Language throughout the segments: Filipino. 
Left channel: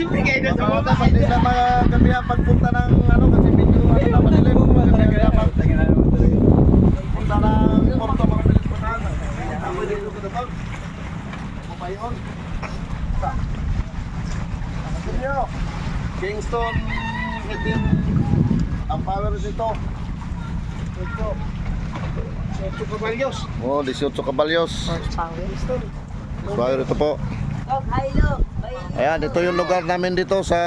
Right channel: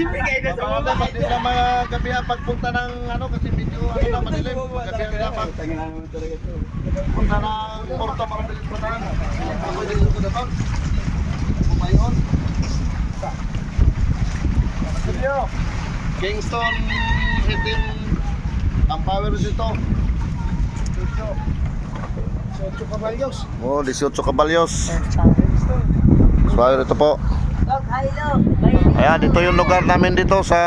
Mabawatan, pati sa mga gabihan pagpunta ng ano, kasi medyo ano na, madilim. Gabihan nila pagpunta ng Porto, mga bilis pa na. Ako dito ko na bang. Pumayon. Kingston 18 ang power dito. 18 kabalyos. Oh, 18 kabalyos. Power ito po. Ayan, ito yung lugar namin dito sa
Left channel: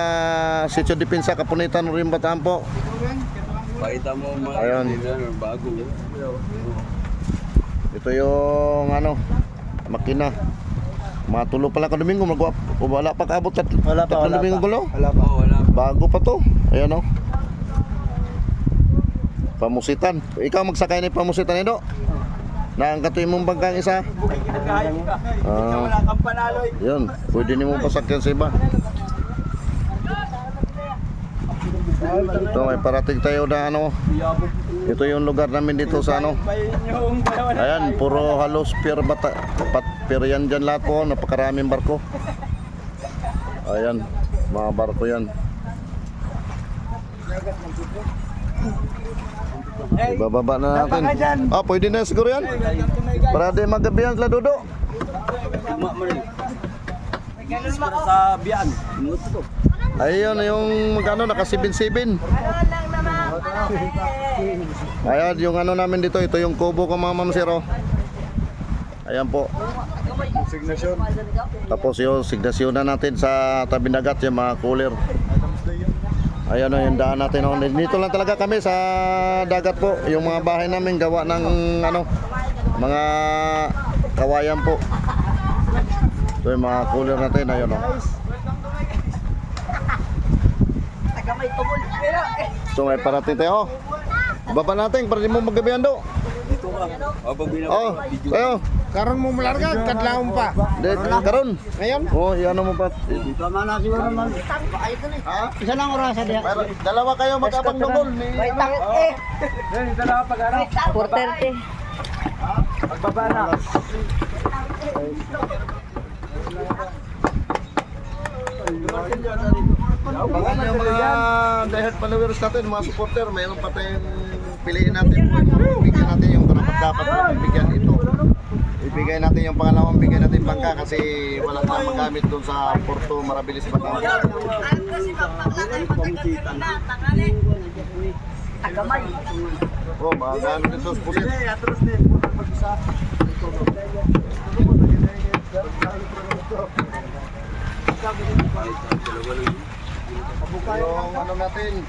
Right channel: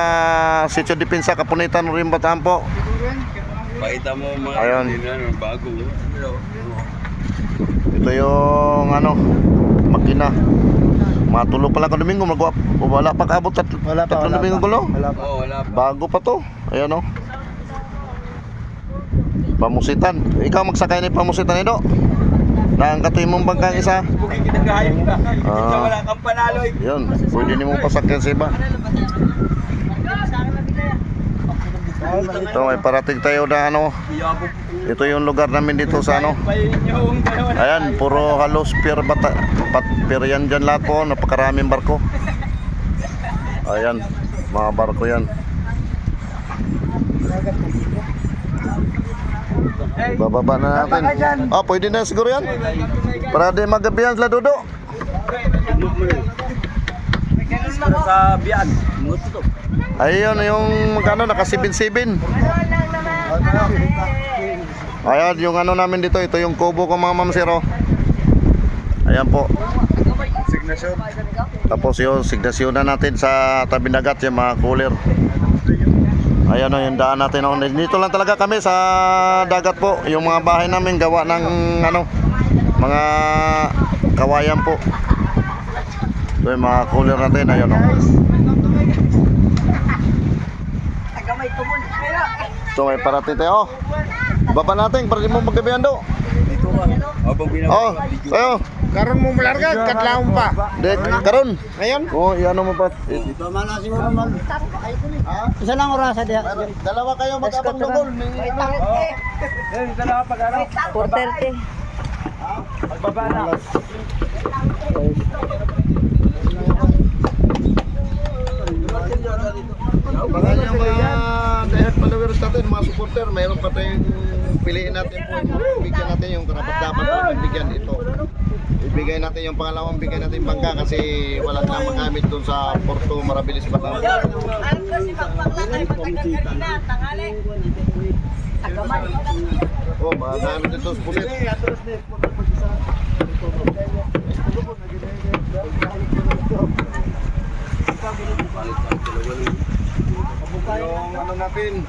Sitio Depensa, Kapunitan, Rimbataan po. Pakita mo mga ayun. Bago. Ito yung ano, makina. Matulo pa lang ka Domingo, wala pa kaabot Wala pa. Domingo gulo. Wala pa. Oo, wala pa. Bago pa to. Ayan o. Pamusitan. Ikaw magsakay ni pamusitan ito. Naangkatoy mong bangkang isa. Wala kang panalo. Yun, pwede niyo mong pasakyan sa iba. Ito may parating tayo na ano. Ito yung lugar namin dito sa ano. Ayan, puro halos pier yan dyan lahat po. Napakaraming barko. Ayan, mga barko yan. Bababa na natin. Ah, pwede na siguro yan. Para di magabihan sila Dodo. Sa biyan. Ayun yung magkano naka 7-7. Ayan yung ano namin dito. Ito yung kubo ko mga mamsiro. Ayan po. Signasyon. Tapos yung signasyon na natin sa tabi dagat yung mga cooler. Ayan o yung daan natin. Dito lang talaga kami sa dagat po. Yung mga bahay namin gawa ng ano, mga kawayan po. Ito yung mga cooler natin. Ayan o. Ito may parating tayo. Baba natin para di mo magabihan do. Oh, tayo. Karon mo malarga, kadlawon pa. Karon. Ngayon? Oh, iano mo pa. Dito man na siguro man. Ha? Isa lang oras sa diha. Dalawa kayo mag-abang dungol. Dito na pag-ano. 4:30. Pagbaba na. Mga dahil followers natin, mga supporter, mayroon pa tayong piliin natin po yung mga bigyan natin yung dapat natin bigyan ito. Ibigay natin yung pangalawang bigay natin bangka kasi wala na magamit doon sa Porto Marabilis pa daw. Oh, mga gamit dito sa pulit. Yung ano natin.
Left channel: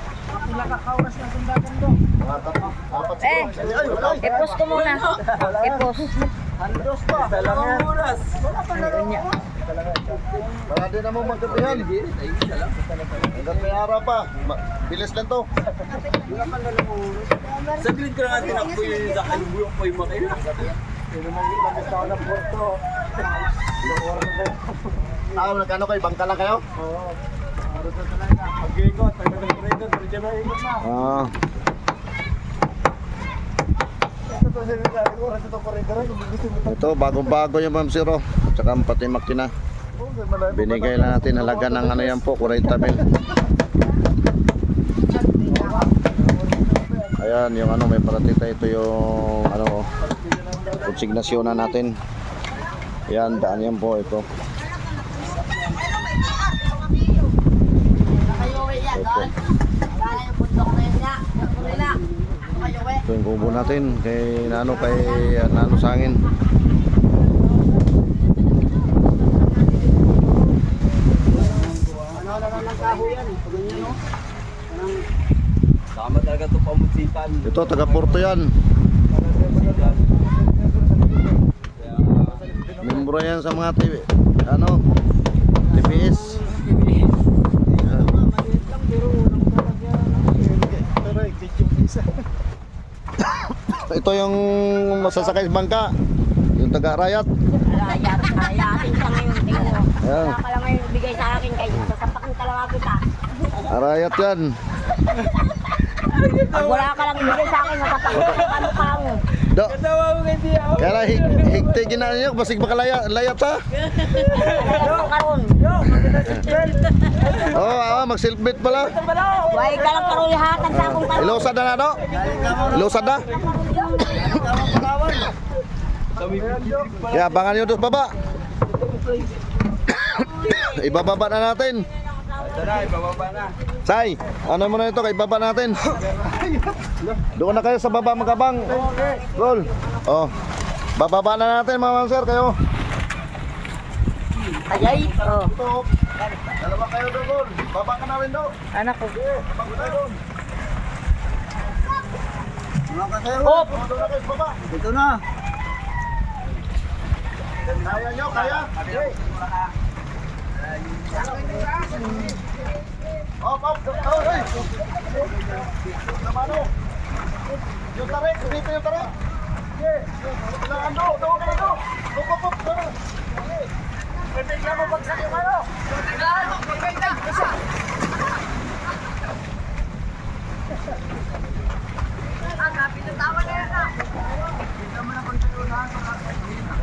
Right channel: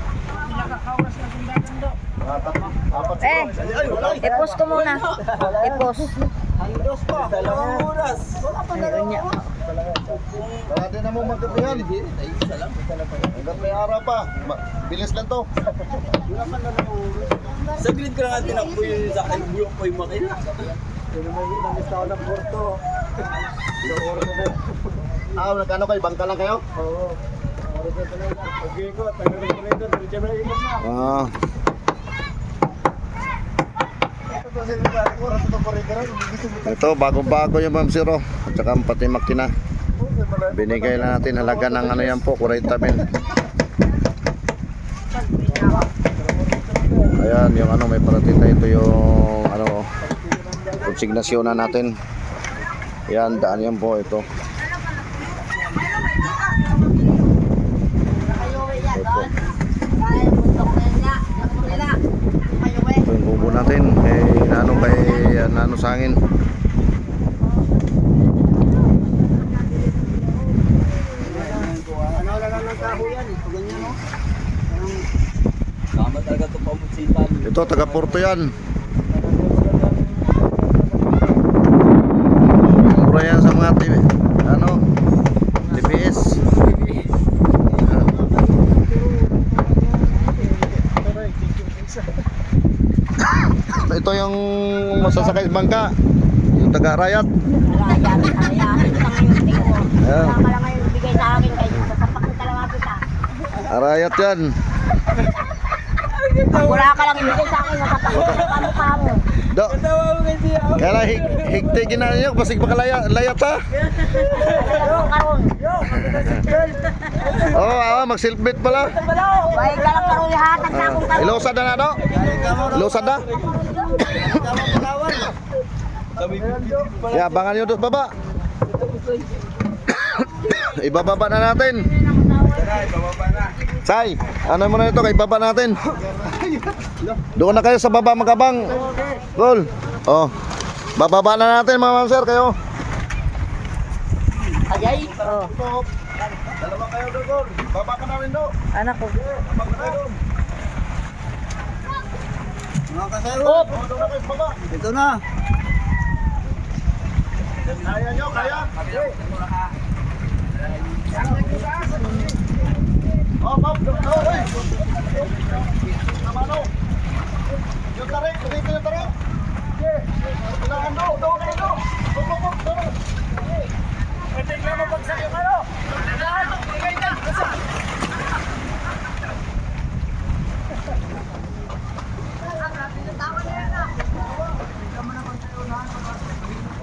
Apat siguro. I-post ko muna. I-post. Para din na mo magkapihan. Hanggat may araw pa. Bilis lang to. Saglit ko lang tinakbo yung sa akin. Buyok ko yung makina. Nagkano kayo? Bangka lang kayo? Oo. Oras na talaga. Pag-ikot, pag-ikot, diretso na ikot na. Ah. Ito, bagong-bago yung Ma'am Zero. At saka pati makina. Binigay lang natin halaga ng ano yan po, 40 mil. Ayan, yung ano, may parating tayo. Ito yung ano, konsignasyon na natin. Ayan, daan yan po ito. Ito yung kubo natin kay Nano Sangin. Tama talaga ito pamutsikan. Ito taga Porto yan. Mura yan sa mga TV. Ano? TBS. Ito yung masasakay sa bangka. Yung taga Rayat. Rayat. Kita ngayon. Tingnan mo. Ayan. Wala ka lang ngayon bigay sa akin kayo. Sasapak ng kalama kita. Rayat yan. Pag wala ka lang ibigay sa akin, sasapak ng kamukha mo. Do. Kaya lang higtigin na ninyo. Basig baka layat ha. Wala ka karon. mag-silpit pala. Huwag ka lang parulihatan sa akin. Ilusad na do? Ilusad na? Ya, abangan nyo doon sa baba. Ibababa na natin. Say, ano mo na ito? Ibaba natin. Doon na kayo sa baba magabang. Cool. Oh. Bababa na natin mga ma'am sir kayo. Ajay. Oh. Dalawa kayo doon. Baba ka na rin doon. Anak ko. Baba ka doon. Doon na kayo sa baba. Ito na. Kaya nyo, kaya? Oh, Bob, oh, hey! Namano? Yung tarik, dito yung tarik. Kailangan do, do ka na do. Do. Pwede ka mo bagsak yung ano.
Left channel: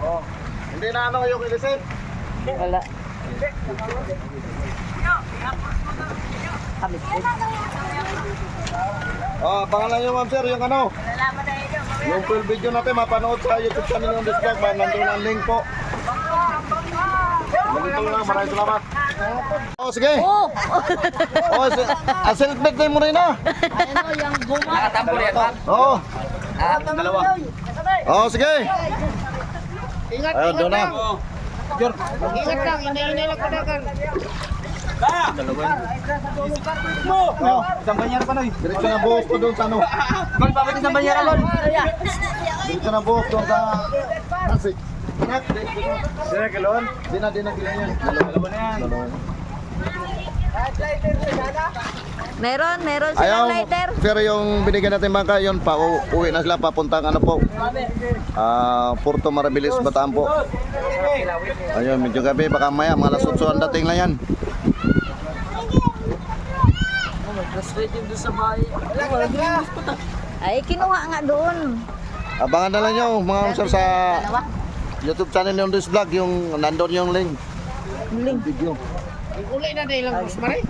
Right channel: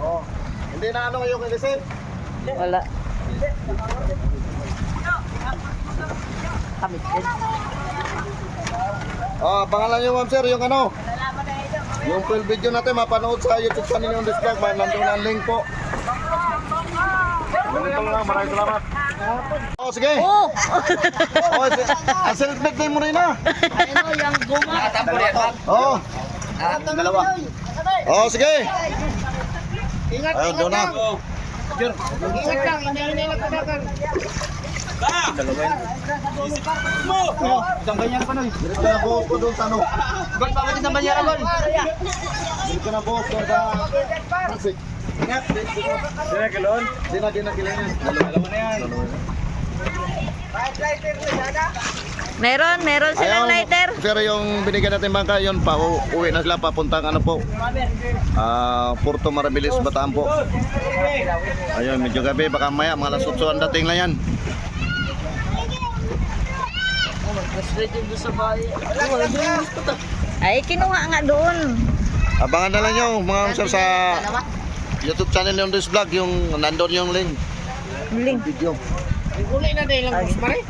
Oh, hindi na ano kayo kilisip? Wala. Kamit din. Ah, pangalan niyo ma'am sir, yung ano? Yung full video natin mapanood sa YouTube channel yung Displug, nandun ang link po. Ganito lang, maraming salamat. Oh, sige. Oh! Oh, selfie din mo rin na. Oh. Oh, sige. Ingat, Ayun, doon na. ingat lang, hindi lang padagan. Oh, Isang ganyan pa na eh. diretso na buhok ko doon sa ano. Bakit isang ganyan alon? Diretso na buhok doon sa Pasig. Sila kalon? Di na kilangin. Alam mo na yan. Meron silang lighter. Sir, yung binigyan natin bangka, yun pa, uwi na sila papuntang ano po. Puerto Marabilis, Bataan po. Ayun, medyo gabi, baka maya, mga alas 8 ang dating na yan. Ay, kinuha nga doon. Abangan na lang nyo, mga sir, sa YouTube channel yung This Vlog, yung nandun yung link. Link. Video. Uli na din lang, Rosemary.